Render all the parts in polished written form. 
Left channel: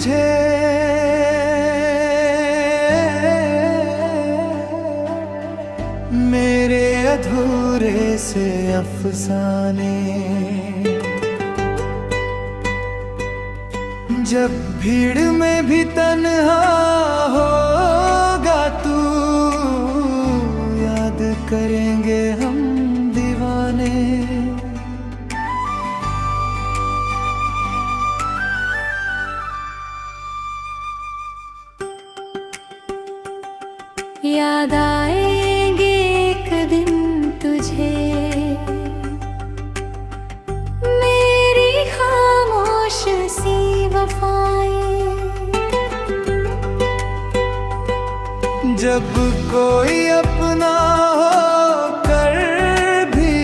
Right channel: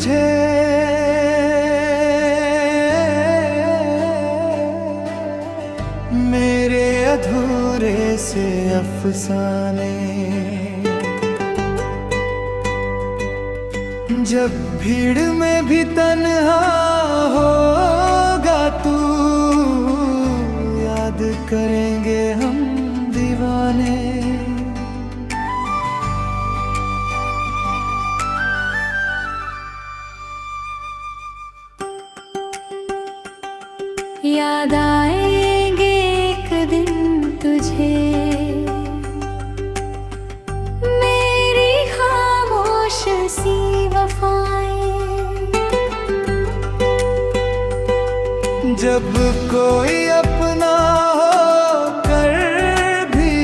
तुझे मेरे अधूरे से अफसाने। जब भीड़ में भी तन्हा होगा तू, याद करेंगे हम दीवाने। याद आएंगे एक दिन तुझे, मेरी खामोश सी वफाएं। जब कोई अपना हो कर भी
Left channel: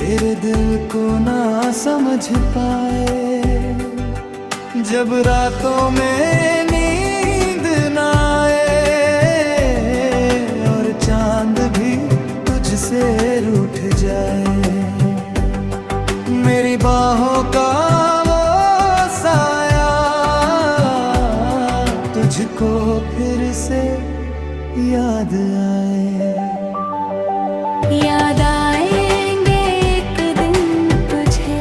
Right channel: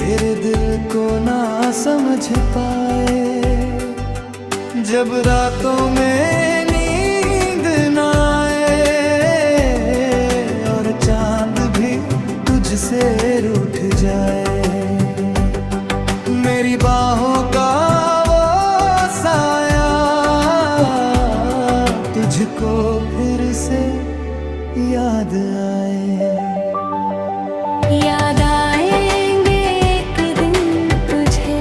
तेरे दिल को ना समझ पाए, जब रातों में नींद ना आए और चांद भी तुझसे रूठ जाए, मेरी बाहों का वो साया तुझको फिर से याद आए। याद आएंगे एक दिन तुझे,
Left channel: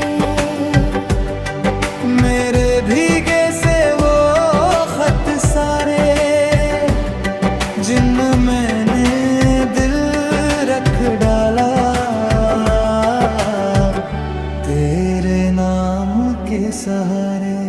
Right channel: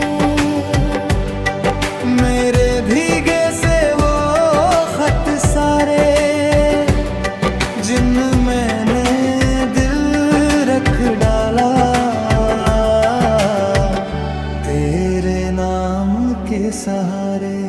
मेरे भीगे से वो खत सारे, जिन मैंने दिल रख डाला तेरे नाम के सहारे।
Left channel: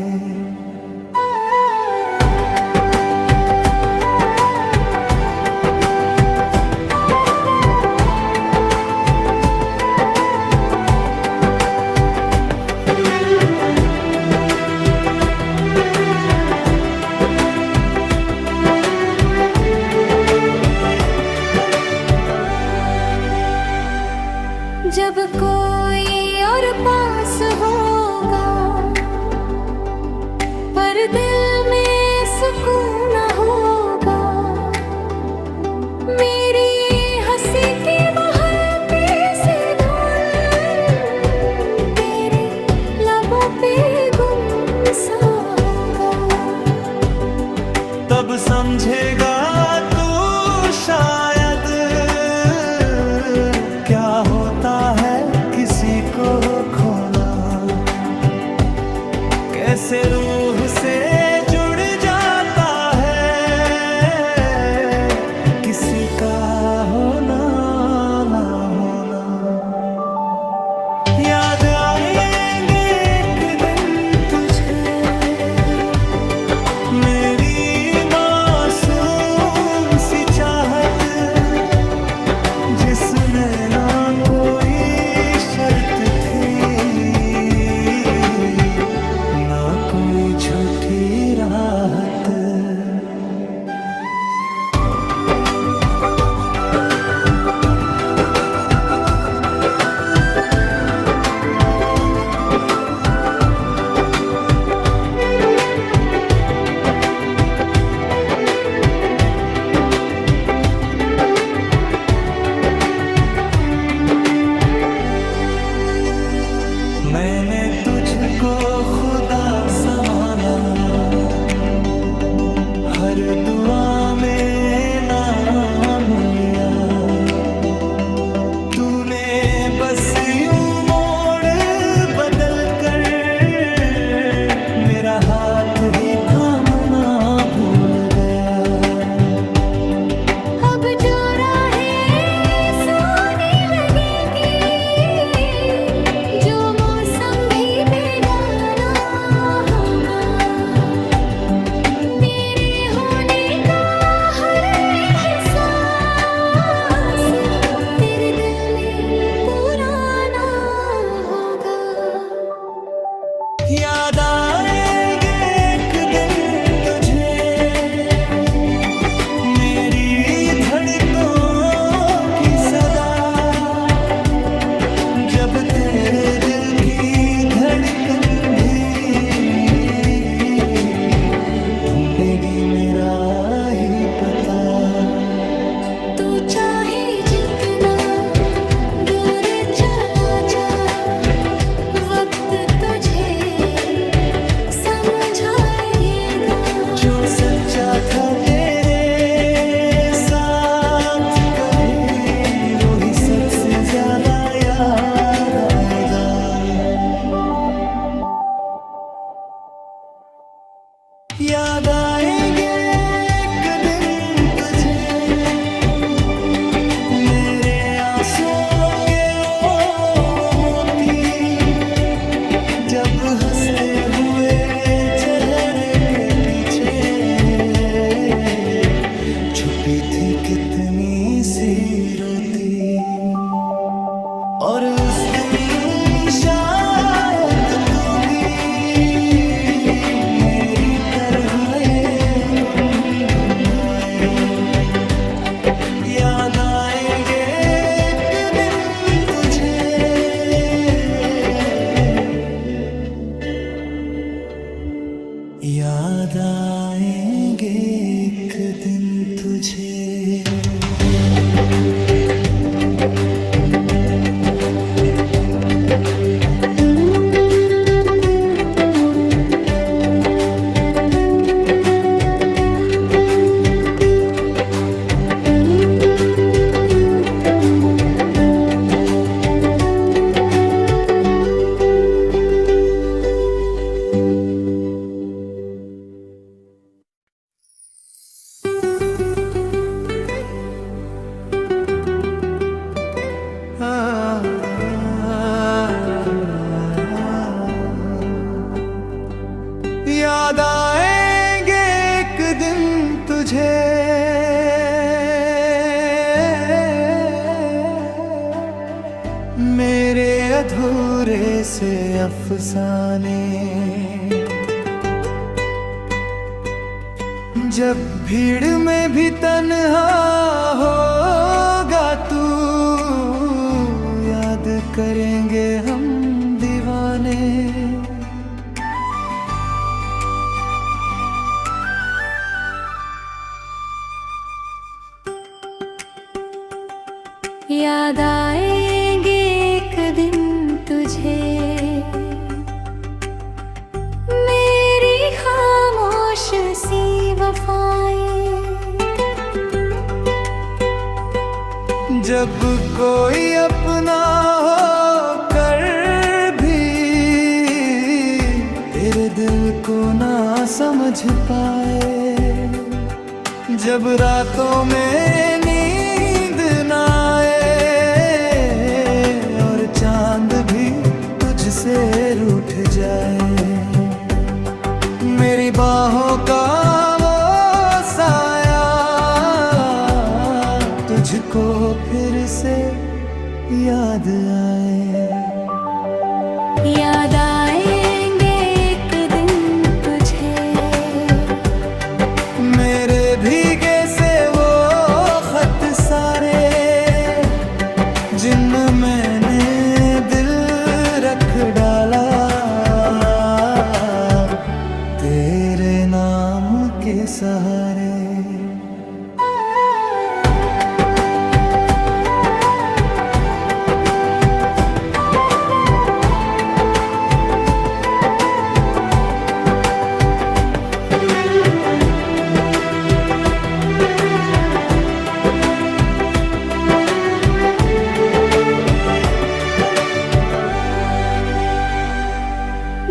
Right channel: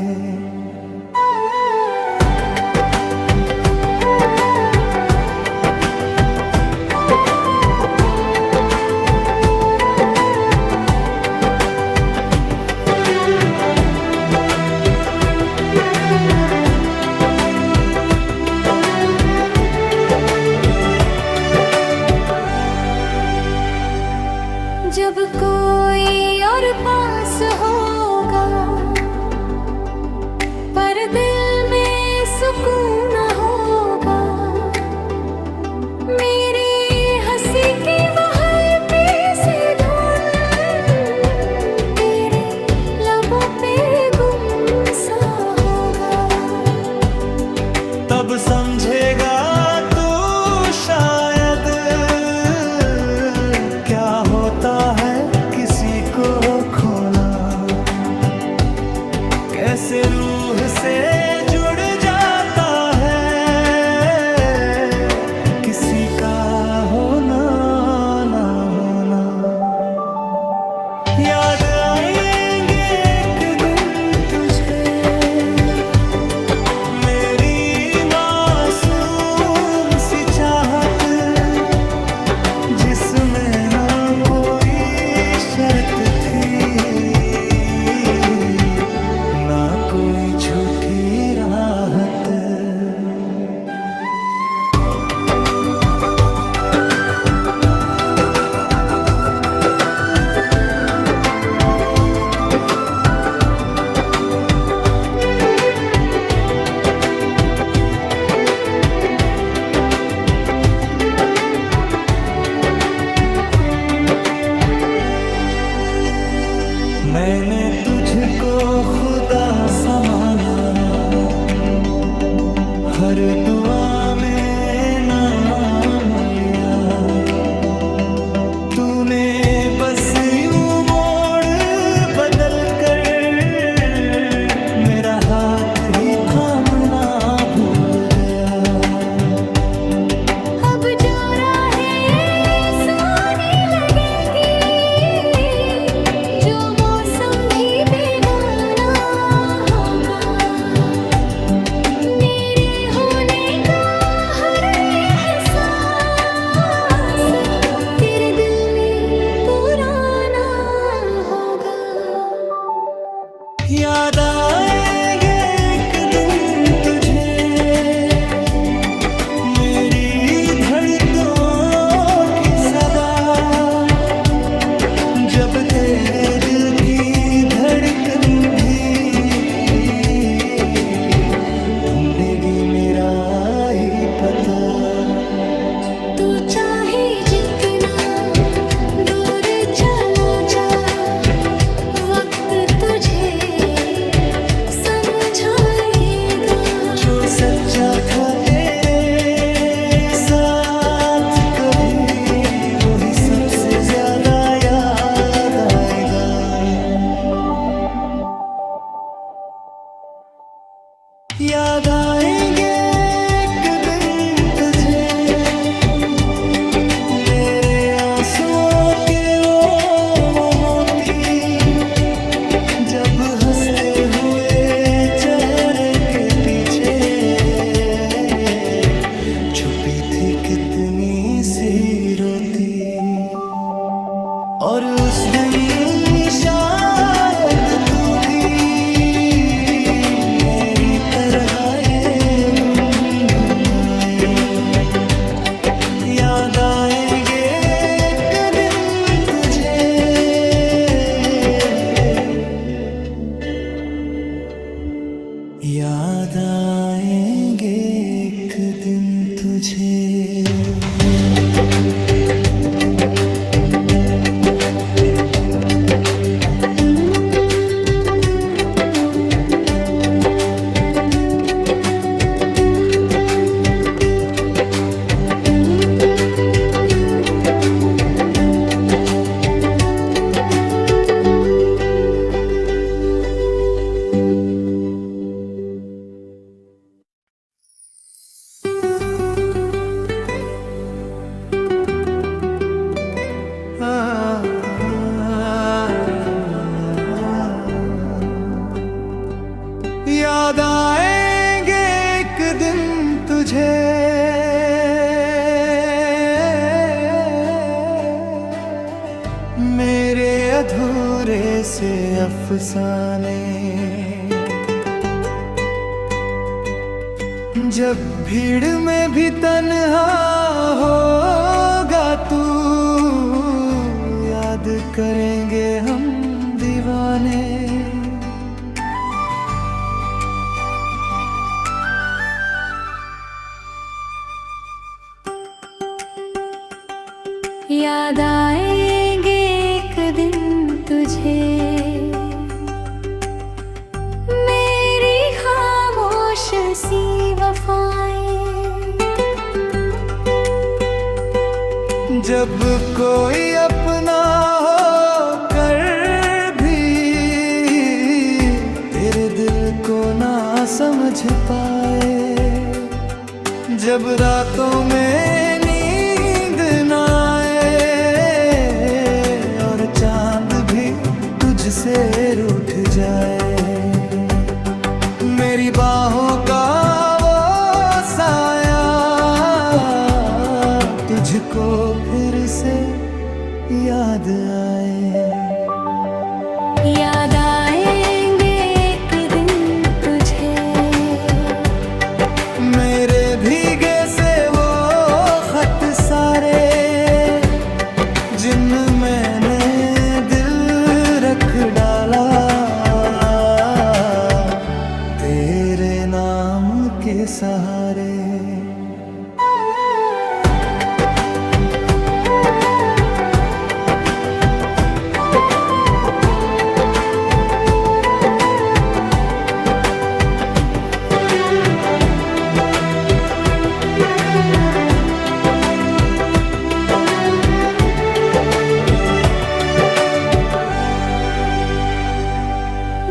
जब कोई और पास होगा पर दिल में सुकून न होगा, मेरी हंसी की वह हल्के से धुन तेरे लबों पे गुमसा होगा। तब समझेगा तू शायद क्या होता है किसी को खोना, कैसे रूह से जुड़ जाता है किसी का होना ना होना। याद आएंगे एक दिन तुझे, मेरी मासूम सी चाहत, जिसमें ना कोई शर्त थी ना कोई झूठी राहत। मैंने तुझको खुदा समाना, हर दुआ में नाम लिया, तूने बस यूं मोड़ बदल कर मेरा हाथ ही थामना भूल गया। अब जो राहें सोनी लगेंगी, जो मौसम भी बेगाना होगा, मेरे होने का हर एहसास तेरे दिल में पुराना होगा। याद आएंगे एक दिन तुझे, मेरी धड़कों की सदा, जब तेरे दिल की धड़कन भी ढूंढेगी मेरा ही पता। तू चाहे जितना दूर चला जा, वक्त तुझे समझ सच्चा था तेरे साथ कभी, वो ही सबसे ज्यादा याद आएगा। याद आएंगे एक दिन तुझे मेरे आंसुओं के वो मोती, जब हंसते हुए चेहरे के पीछे छुपी थी कितनी सी रोती। और उस दिन शायद तू भी मेरी तरह ये गुनगुनाए। याद आएंगे एक दिन तुझे, याद आएंगे एक दिन तुझे। याद आएंगे एक दिन तुझे, मेरे अधूरे से अफसाने। जब भीड़ में भी तन्हा होगा तू, याद करेंगे हम दीवाने। याद आएंगे एक दिन तुझे मेरी खामोश सी वफाएं। जब कोई अपना हो कर भी तेरे दिल को ना समझ पाए, जब रातों में नींद ना आए और चांद भी तुझसे रूठ जाए, मेरी बाहों का वो साया तुझको फिर से याद आए। याद आएंगे एक दिन तुझे मेरे भीगे से वो खत सारे, जिनमें मैंने दिल रख डाला तेरे नाम के सहारे।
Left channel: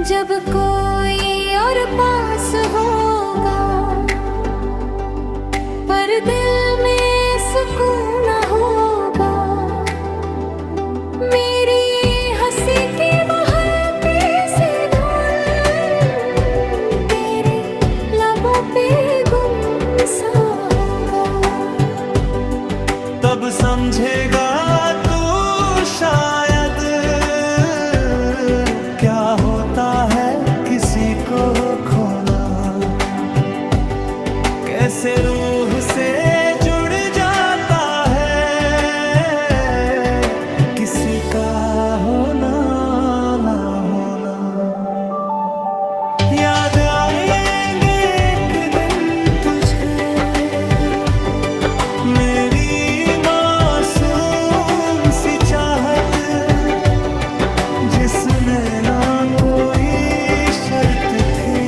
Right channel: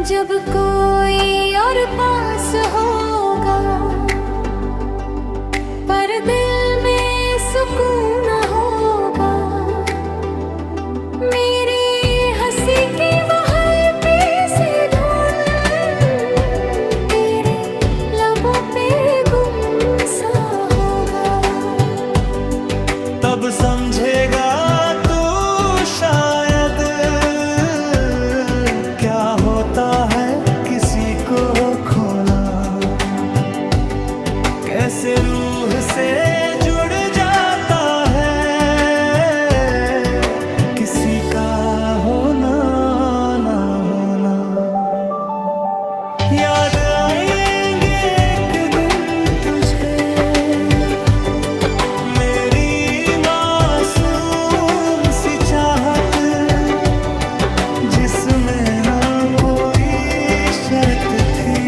जब कोई और पास होगा पर दिल में सुकून न होगा, मेरी हंसी की वो हल्के से धुन तेरे लबों पे गुमसा होगा। तब समझेगा तू शायद क्या होता है किसी को खोना, कैसे रूह से जुड़ जाता है किसी का होना ना होना। याद आएंगे एक दिन तुझे मेरी मासूम सी चाहत, जिसमें ना कोई शर्त थी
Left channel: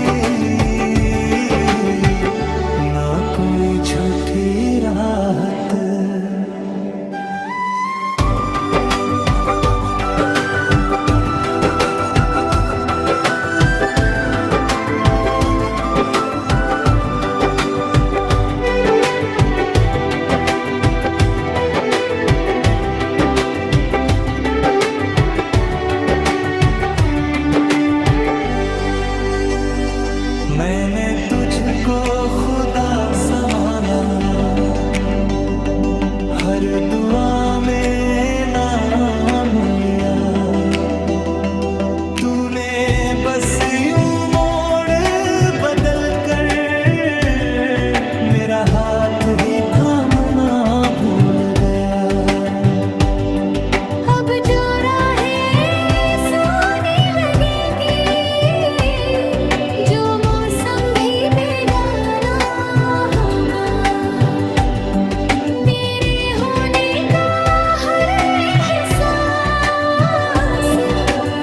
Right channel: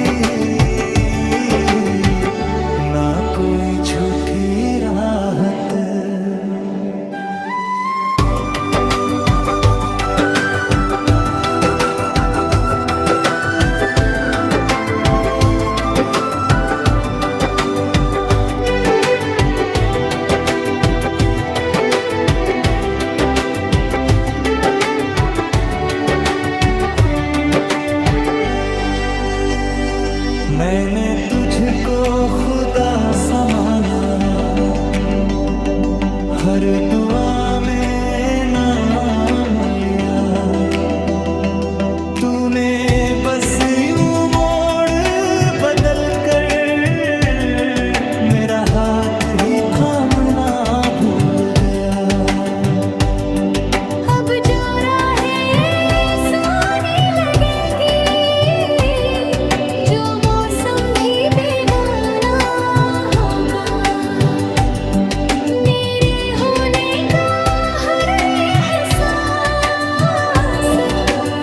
ना कोई झूठी राहत। मैंने तुझको खुदा समाना, हर दुआ में नाम लिया। तूने बस यूं मोड़ बदल कर मेरा हाथ ही थामना भूल गया। अब जो राहें सोनी लगेंगी, जो मौसम भी बेगाना होगा, मेरे होने का हर एहसास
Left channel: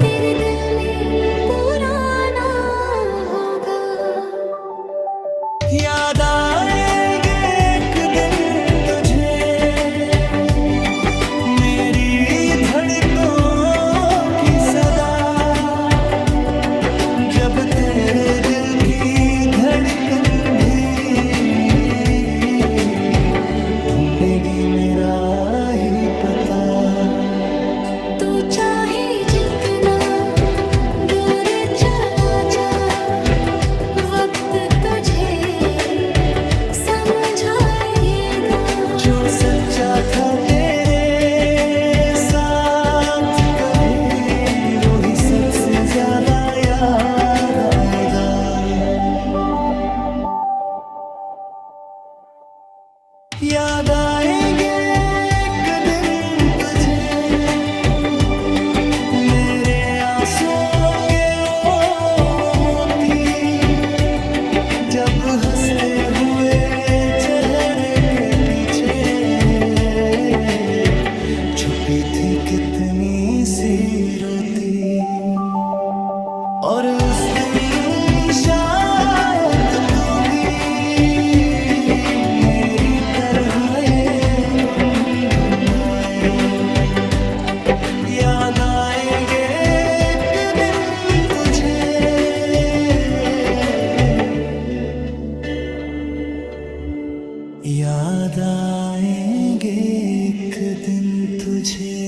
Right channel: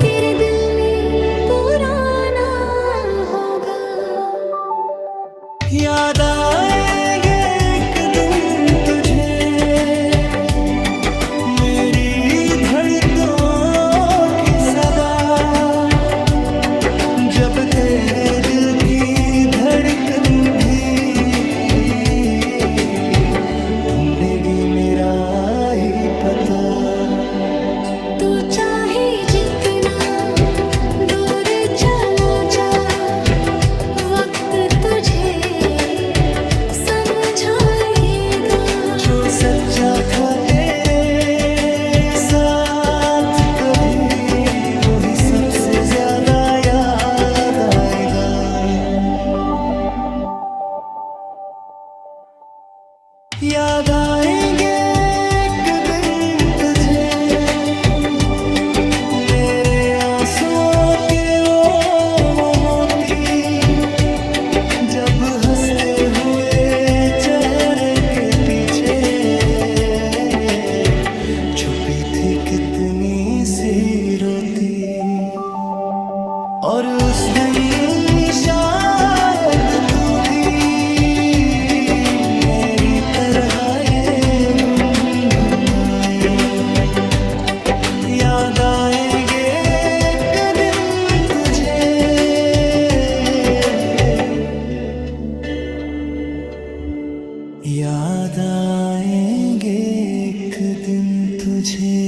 तेरे दिल में पुराना होगा। याद आएंगे एक दिन तुझे, मेरी धड़कों की सदा, जब तेरे दिल की धड़कन भी ढूंढेगी मेरा ही पता। तू चाहे जितना दूर चला जा, वक्त तुझे समझाएगा। जो सच्चा था तेरे साथ कभी, वो ही सबसे ज्यादा याद आएगा। याद आएंगे एक दिन तुझे, मेरे आंसुओं के वो मोती, जब हंसते हुए चेहरे के पीछे छुपी थी कितनी सी रोती। और उस दिन शायद तू भी मेरी तरह ये गुनगुनाए। याद आएंगे एक दिन तुझे, याद आएंगे एक दिन तुझे।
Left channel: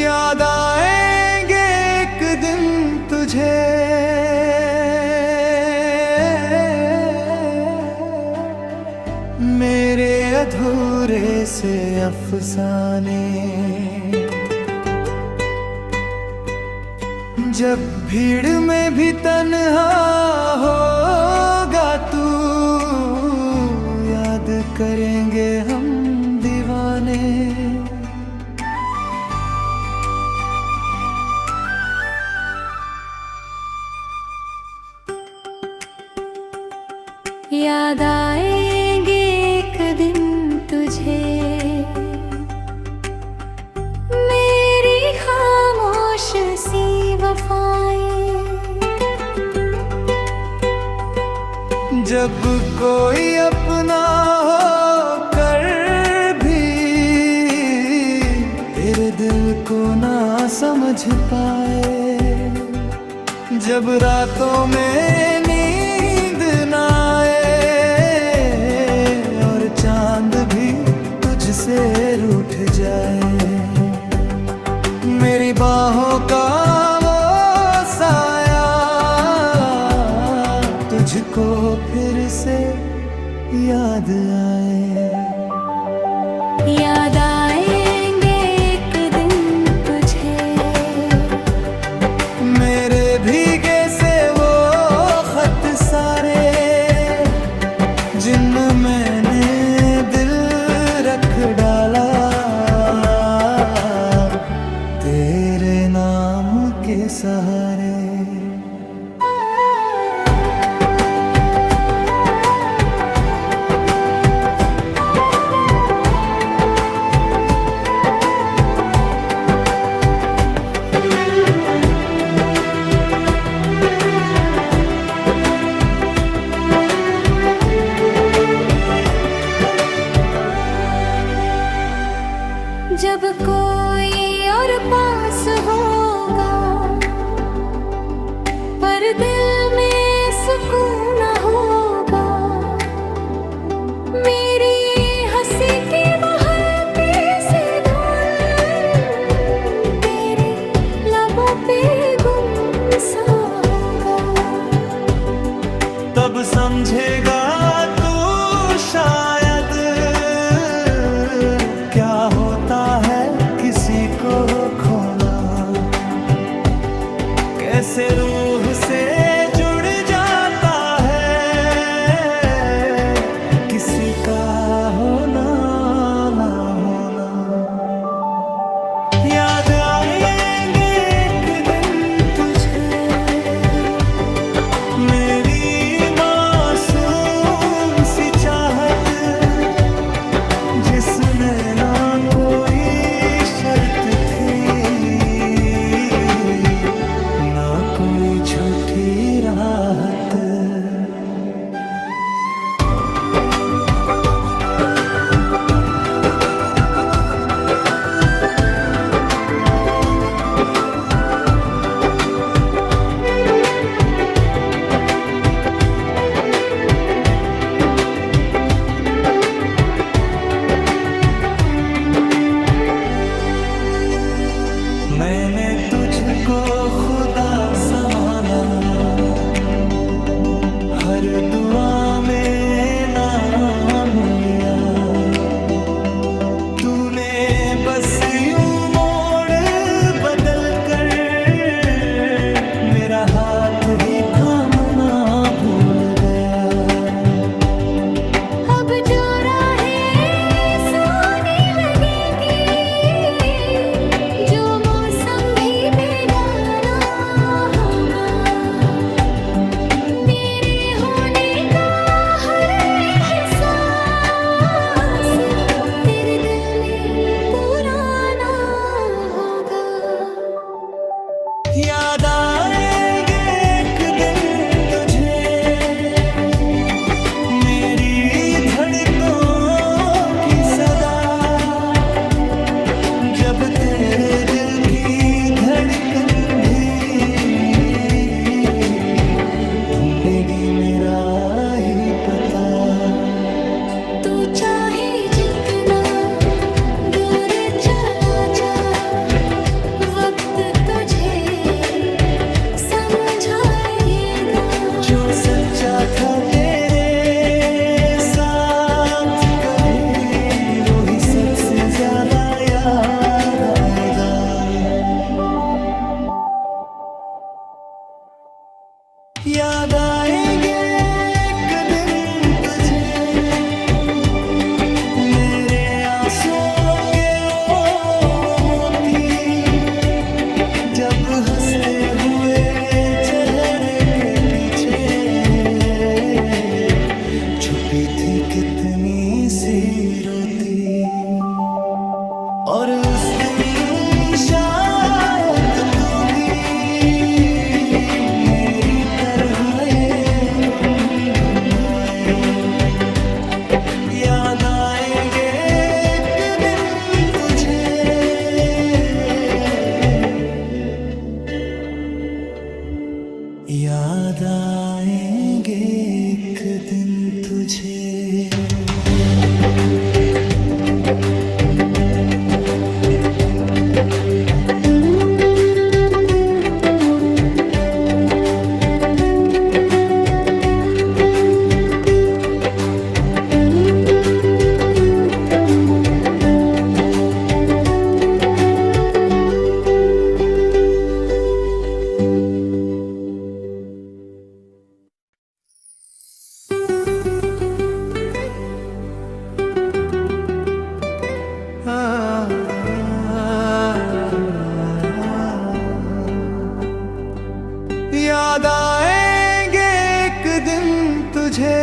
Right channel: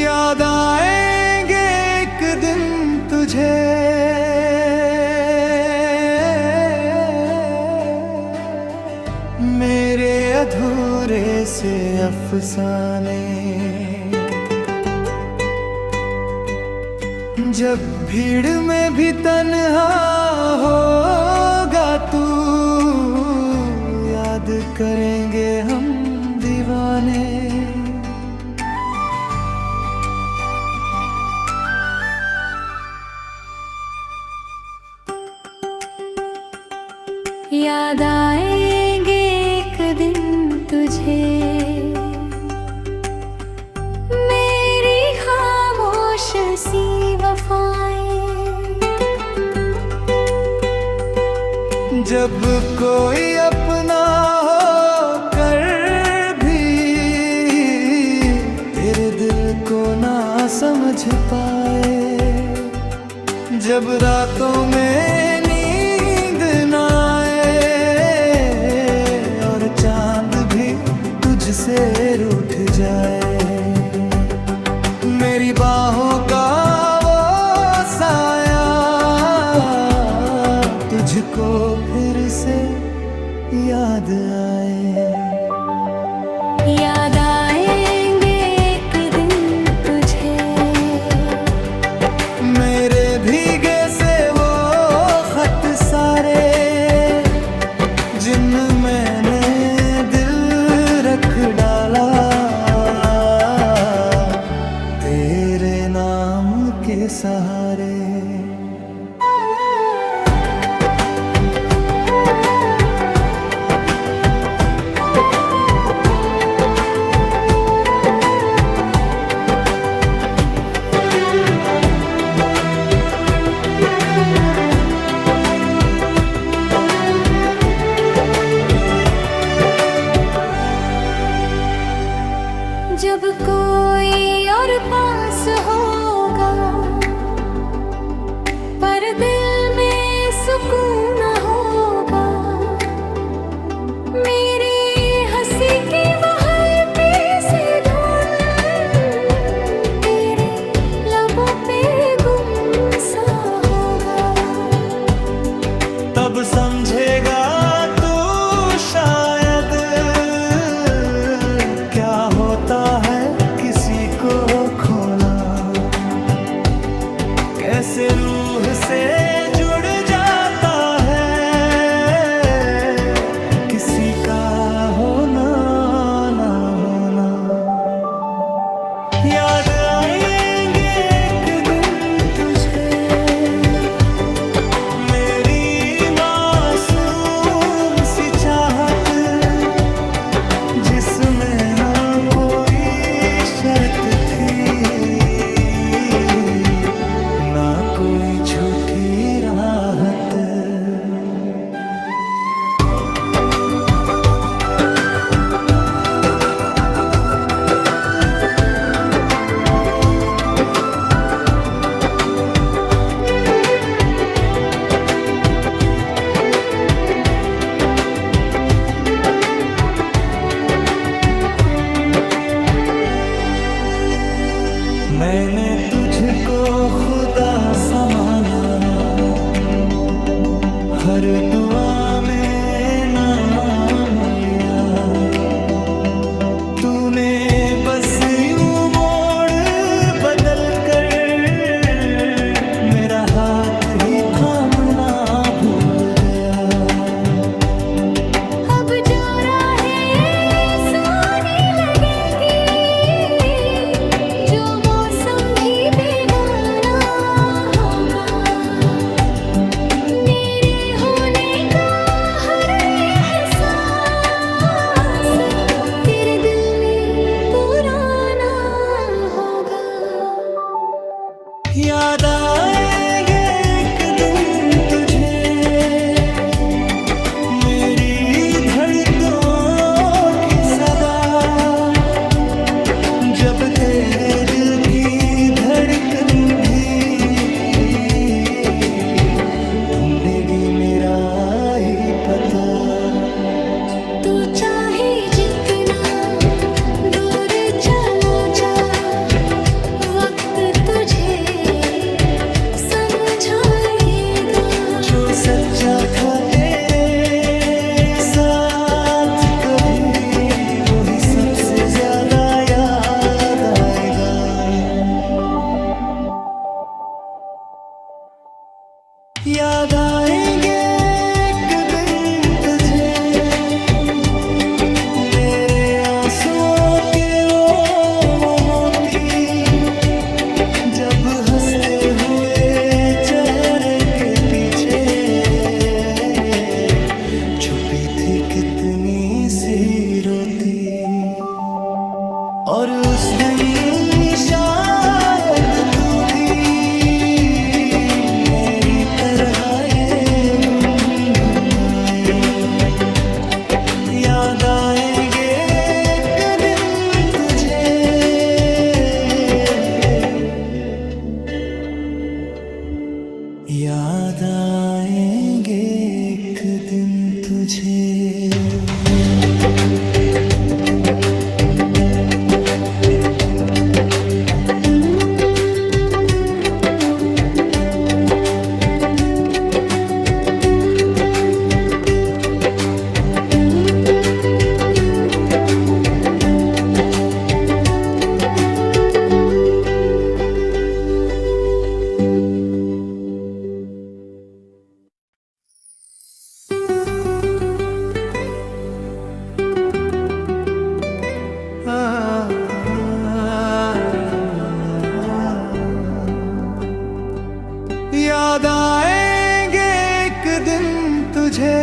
याद आएंगे एक दिन तुझे, मेरे अधूरे से अफसाने। जब भीड़ में भी तन्हा होगा तू, याद करेंगे हम दीवाने। याद आएंगे एक दिन तुझे, मेरी खामोश सी वफाएं। जब कोई अपना हो कर भी तेरे दिल को ना समझ पाए, जब रातों में नींद ना आए और चांद भी तुझसे रूठ जाए, मेरी बाहों का वो साया तुझको फिर से याद आए। याद आएंगे एक दिन डाला तेरे नाम के सहारे। जब कोई और पास होगा पर दिल में सुकून न होगा, मेरी हंसी की वो हल्के से धुन तेरे लबों पे गुम सा होगा। तब समझेगा तू शायद क्या होता है किसी को खोना, कैसे रूह से जुड़ जाता है किसी का होना ना होना। याद आएंगे एक दिन तुझे मेरी मासूम सी चाहत, जिसमें ना कोई शर्त थी ना कोई झूठी राहत। मैंने तुझको खुदा समाना, हर दुआ में नाम लिया, तूने बस यूं मोड़ बदल कर मेरा हाथ ही थामना भूल गया। अब जो राहें सोनी लगेंगी, जो मौसम भी बेगाना होगा, मेरे होने का हर एहसास तेरे दिल में पुराना होगा। याद आएंगे एक दिन तुझे मेरी धड़कों की सदा, जब तेरे दिल की धड़कन भी ढूंढेगी मेरा ही पता। तू चाहे जितना दूर चला जा, वक्त तुझे समझाएगा। जो सच्चा था तेरे साथ कभी वही सबसे ज्यादा याद आएगा। याद आएंगे एक दिन तुझे मेरे आंसुओं के ओ मोती, जब हंसते हुए चेहरे के पीछे छुपी थी कितनी सी रोती। और उस दिन शायद तू भी मेरी तरह ये गुनगुनाए। याद आएंगे एक दिन तुझे याद आएंगे एक दिन तुझे। मुझे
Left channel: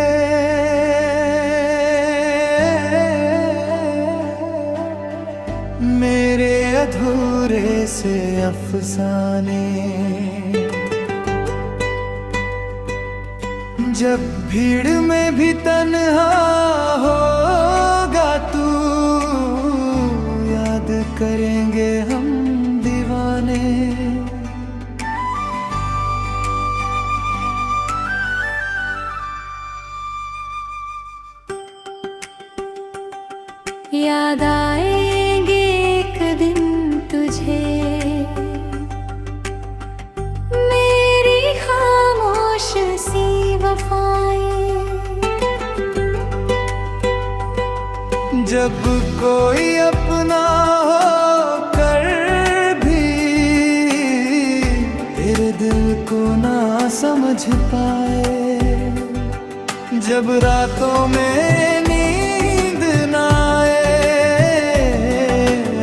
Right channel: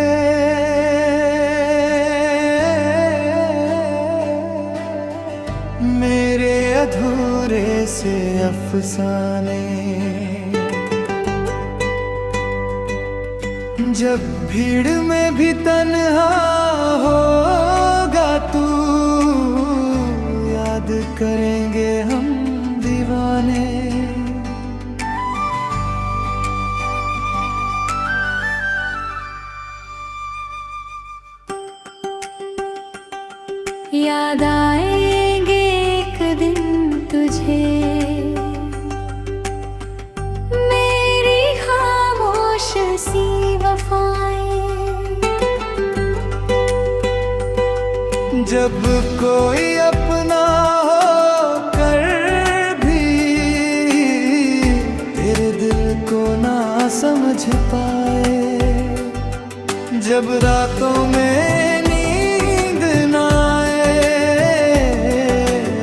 मेरे अधूरे से अफसाने। जब भीड़ में भी तन्हा होगा तू, याद करेंगे हम दीवाने। याद आएंगे एक दिन तुझे, मेरी खामोश सी वफाएं। जब कोई अपना हो कर भी तेरे दिल को ना समझ पाए, जब रातों में नींद ना आए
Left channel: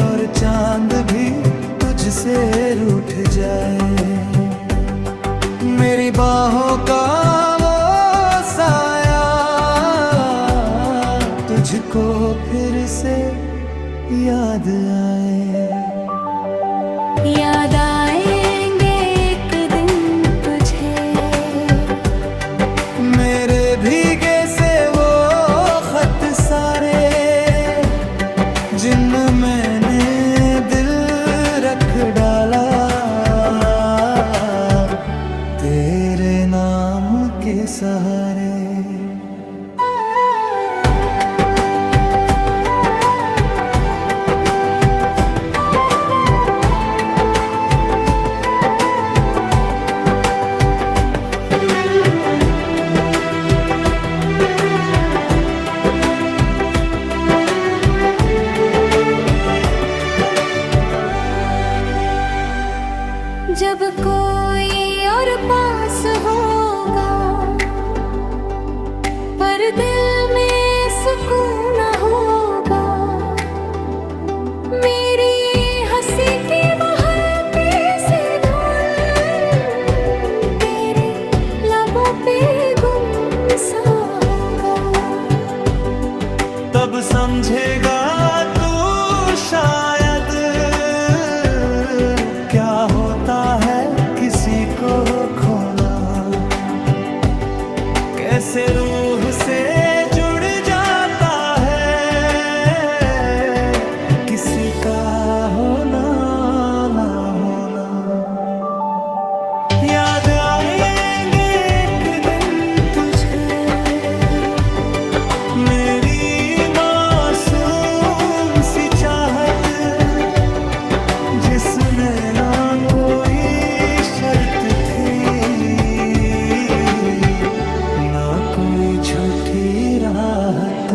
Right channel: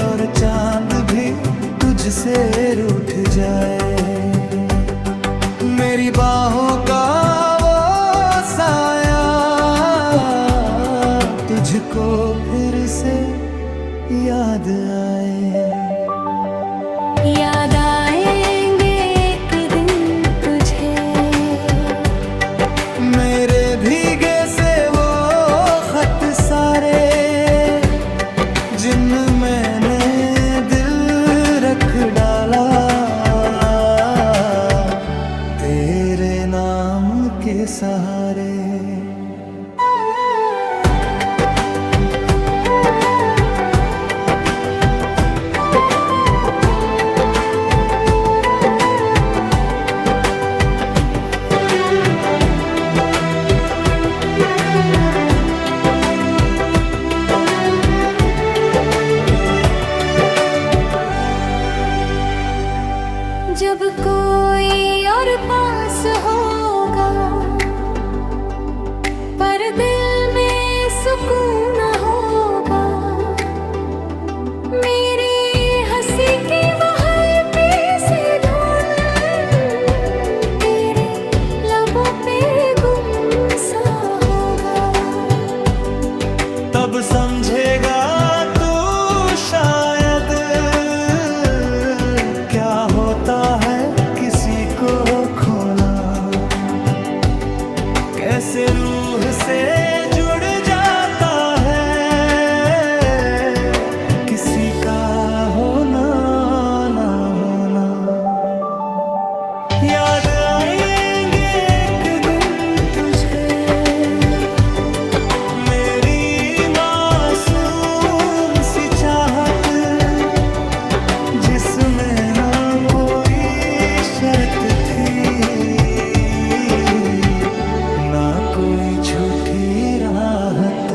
और चांद भी तुझसे रूठ जाए, मेरी बाहों का वो साया तुझको फिर से याद आए। याद आएंगे एक दिन तुझे, मेरे भीगे से वो खत सारे, जिन मैंने दिल रख डाला तेरे नाम के सहारे। जब कोई और पास होगा पर दिल में सुकून न होगा, मेरी हंसी की वो हल्के से धुन तेरे लबों पे गुमसा होगा। तब समझेगा तू शायद क्या होता है किसी को खोना, कैसे रूह से जुड़ जाता है किसी का होना ना होना। याद आएंगे एक दिन तुझे, मेरी मासूम सी चाहत, जिसमें ना कोई शर्त थी ना कोई झूठी राहत।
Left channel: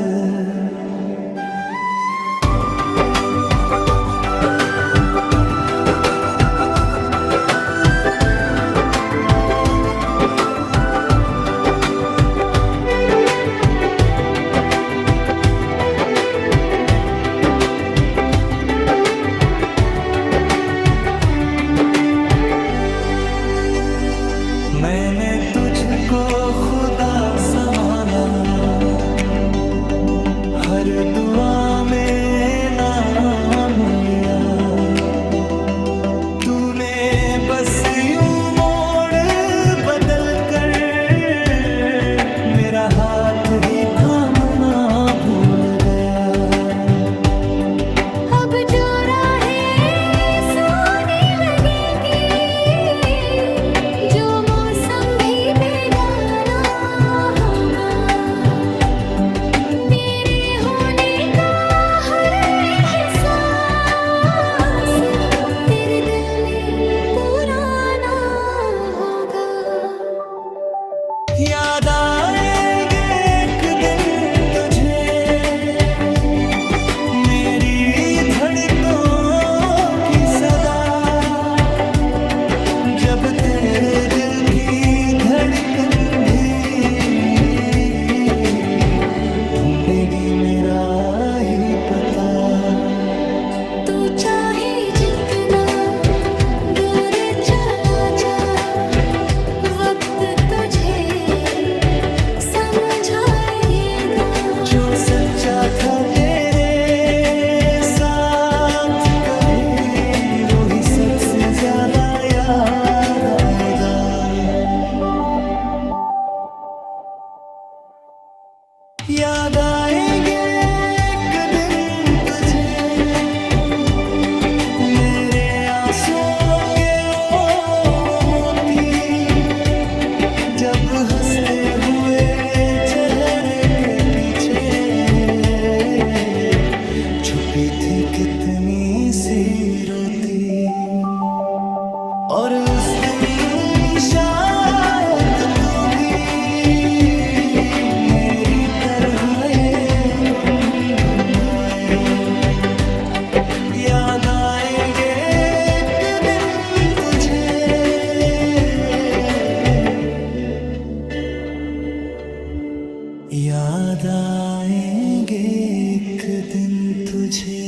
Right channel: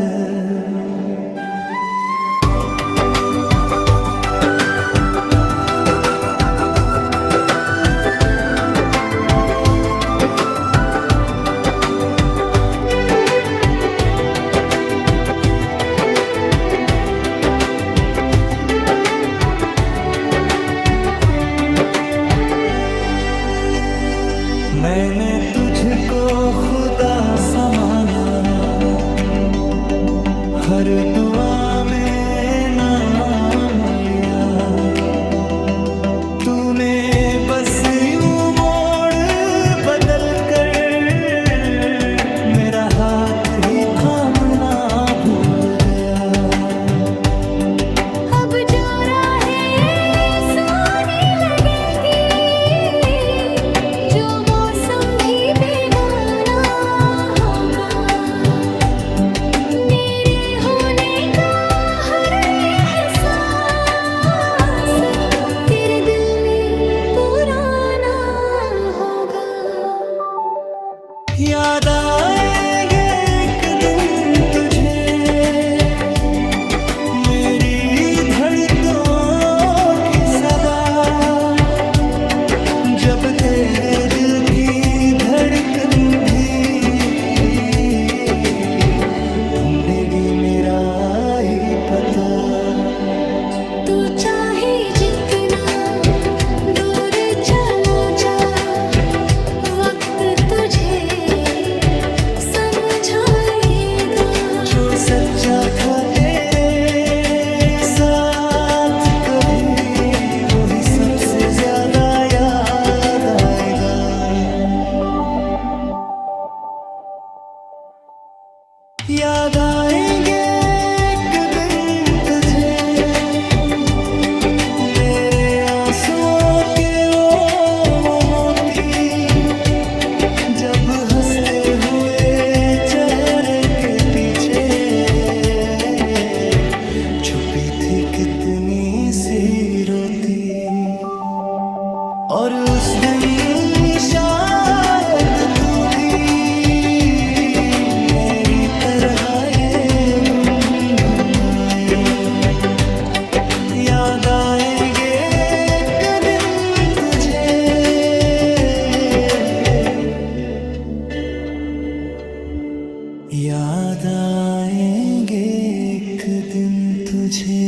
मैंने तुझको खुदा समाना, हर दुआ में नाम लिया, तूने बस यूं मोड़ बदल कर मेरा हाथ ही थामना भूल गया। अब जो राहें सोनी लगेंगी, जो मौसम भी बेगाना होगा, मेरे होने का हर एहसास तेरे दिल में पुराना होगा। याद आएंगे एक दिन तुझे, मेरी धड़कों की सदा, जब तेरे दिल की धड़कन भी ढूंढेगी मेरा ही पता। तू चाहे जितना दूर चला जा, वक्त तुझे समझ समझाएगा। जो सच्चा था तेरे साथ कभी, वो ही सबसे ज्यादा याद आएगा। याद आएंगे एक दिन तुझे, मेरे आंसुओं के वो मोती, जब हंसते हुए चेहरे के पीछे छुपी थी कितनी सी रोती। और उस दिन शायद तू भी मेरी तरह ये गुनगुनाए। याद आएंगे एक दिन तुझे, याद आएंगे एक दिन तुझे।